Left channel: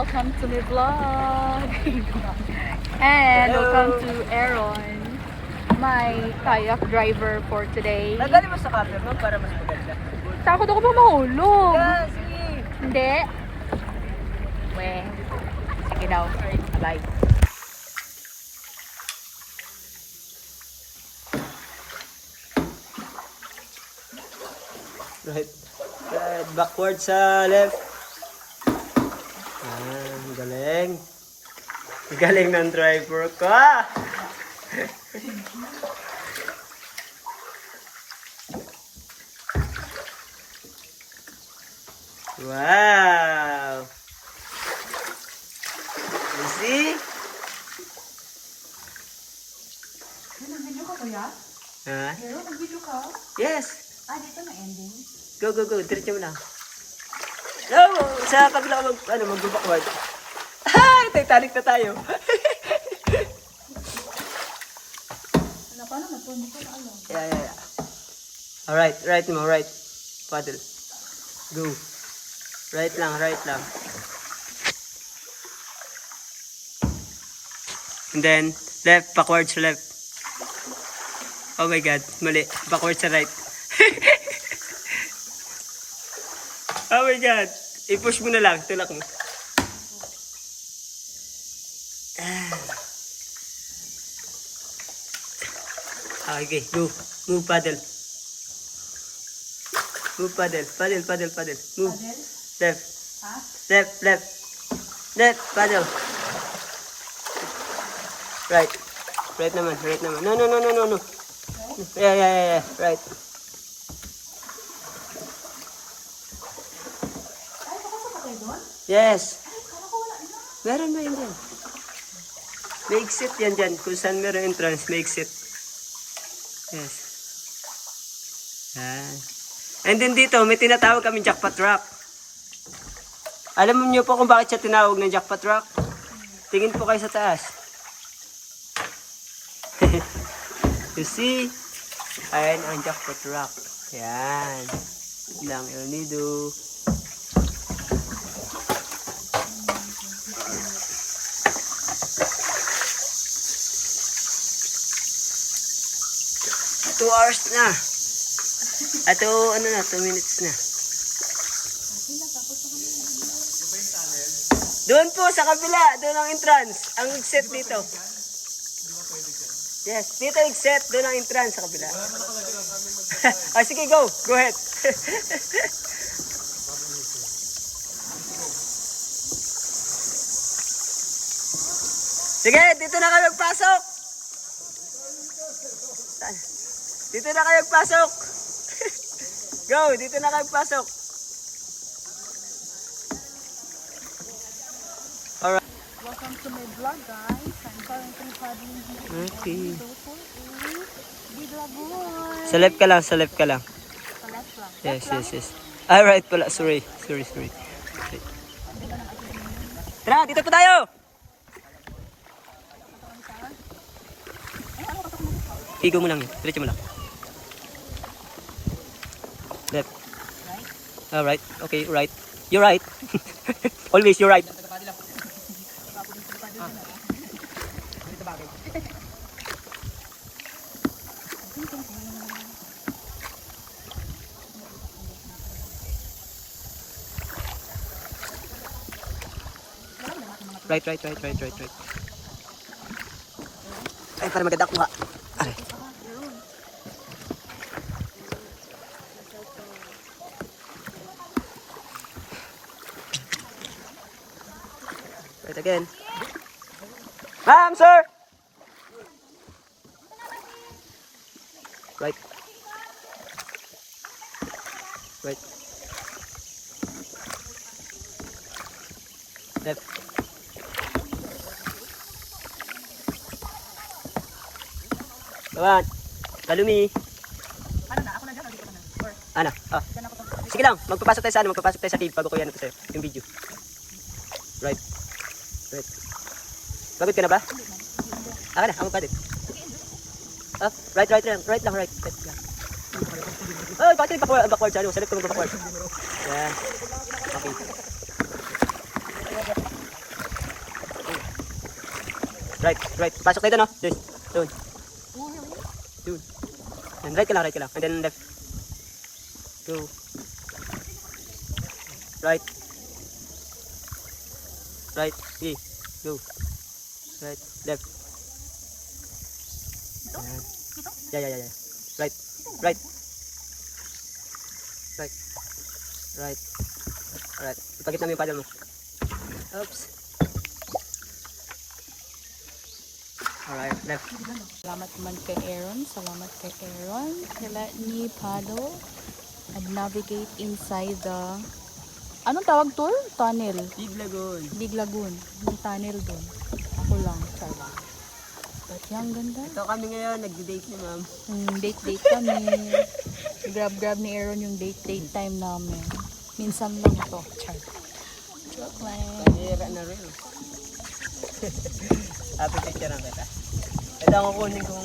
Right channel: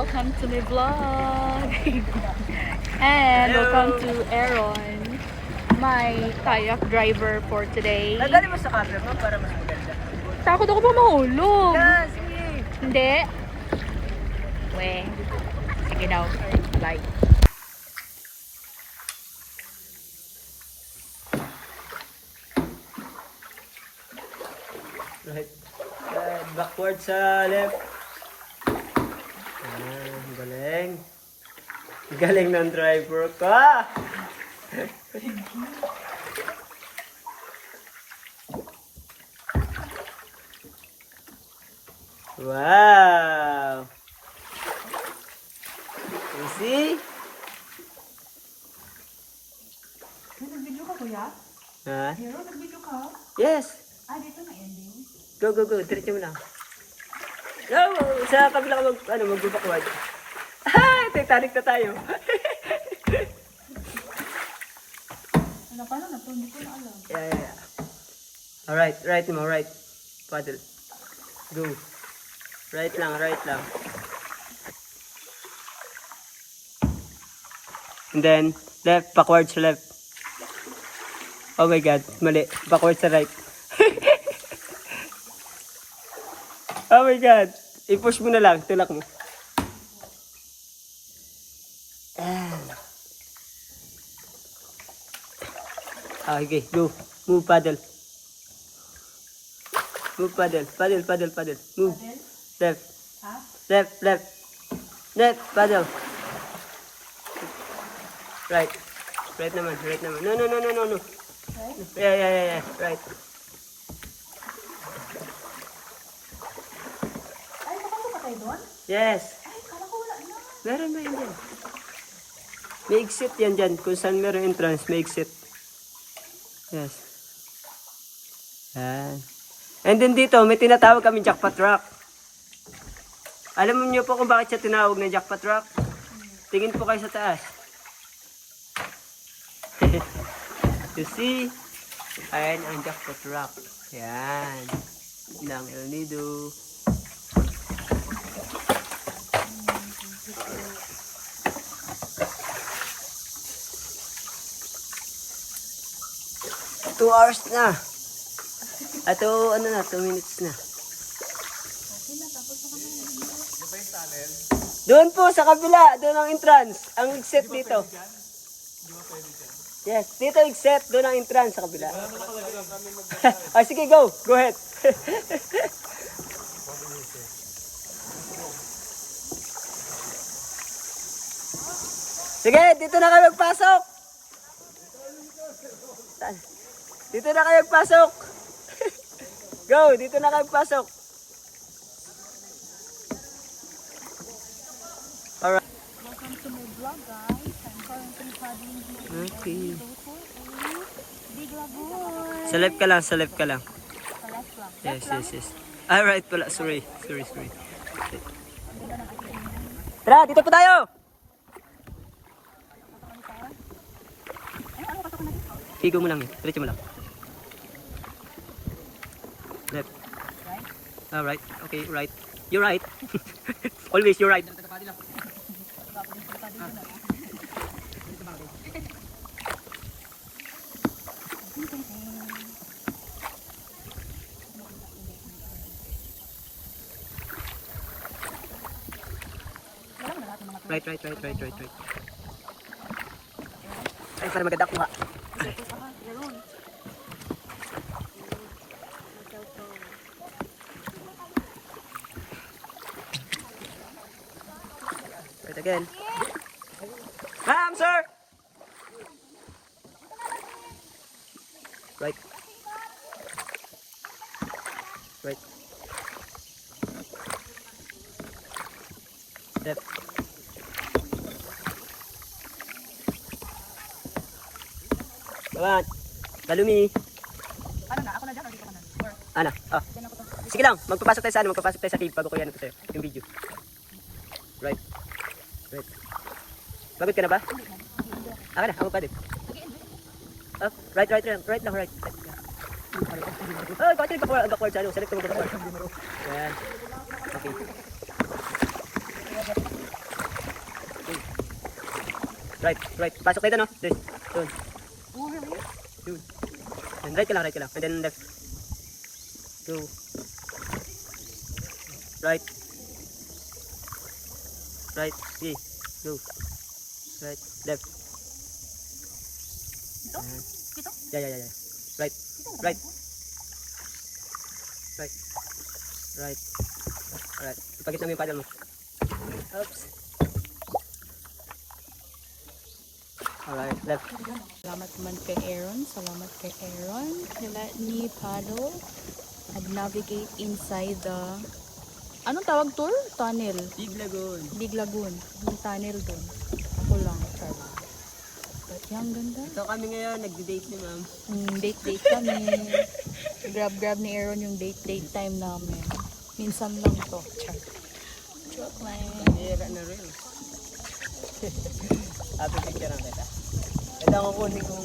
welcome to my vlog. And welcome to Aaron, my kayak driver for today. Tagalin mo sa camera mo para mas maganda. Takot ako pa mahulog. Yeah, sige. Hindi. Weh. Sige daw. Bye. Right. Backward sa left. Galing. Galing ng driver ko. Wow. You see? Nag-video ka kuya? Ha? Pero nag-video ka? Yes. Dito na ending. Go, go, go. Diretso mo lang. No, sa kabila ka mag-backward. Ay, Titanic na tayo. Paano na to? Hindi ko na alam. Yeah. Alright, right mo, right. Paddle. Go. Right lang. And then, left, backwards to left. Oh my God, mali. Backwards to right. Oh my God. I-push mo na lang, tulak mo. Okay, go. Move, paddle. Move, paddle. Paddle. Move. Left. Left, paddle. Right. Right naman. No. Yeah. Right. Ay, papasok ka tayo doon? Yes. Ay, kala ko wala na. Meron na yun dyan. May exit yan dyan. Kung saan meron entrance, may exit. Yes. Yan. And then dito, may tinatawag kami jackpot rock. Alam niyo po kung bakit siya tinawag ng jackpot rock? Tingin po kayo sa taas. You see? Ayan ang jackpot rock. Yan. Lang El Nido. Two hours na. Ato, 2 minutes na. Doon po sa kabila, doon ang entrance. Ang exit dito. Yes, dito exit, doon ang entrance sa kabila. Sige, go. Go ahead. Sige, dito na kayo magpasok. Dito na kayo magpasok. Go, dito na kayo magpasok. Alright. Welcome to my vlog, guys. I'm currently paddling here. Okay. Big lagoon. Sa left ka lang. Sa left lang. Yes. Alright pala, sorry. Tara, dito po tayo. Higo mo lang yun. Diretso mo lang. Left. Right? Alright. Okay, right. You're right. Always, you're right. Right. Ay, para maganda kuha. Ay. Right again. Ma'am, sir! Right. Left. Come on. Kalumi. Ano na? Ako na dyan o dito ka na? Or, Ana. dyan ako to. Sige lang. Magpapasok tayo sa cave bago ko yan ito sa'yo. Yung video. Right. Pagod ka na ba? Aka na. Ako pa din. Right lang. Oh, bakit backward siya? Select ko mag-backward. Yan. Okay. Right, right. Pasok tayo doon, no? Doon. Doon. Oh, really? Doon. And right ka lang, right ka lang. And then left. Go. Right. Right. Sige. Go. Right. Left. Ito? Ayan. Ito? Yeah. Right. Right. Right. Right. Alright. Ipagit namin yung paddle mo. Oops. Alright. Left. Salamat man kay Aaron. Salamat kay Aaron. He let me paddle and navigate inside the... Anong tawag tour? Tunnel. Big Lagoon. Big Lagoon. Yung tunnel doon. Ako lang, Charlie. But yung ganda. Ito kami ngayon. Nag-date ni ma'am. Date kami. Grab ni Aaron yung date time namin. Minsan lang to, Charlie. Joke lang. Hira na rin. Happy picture ang kita. Ito ang kukunin kong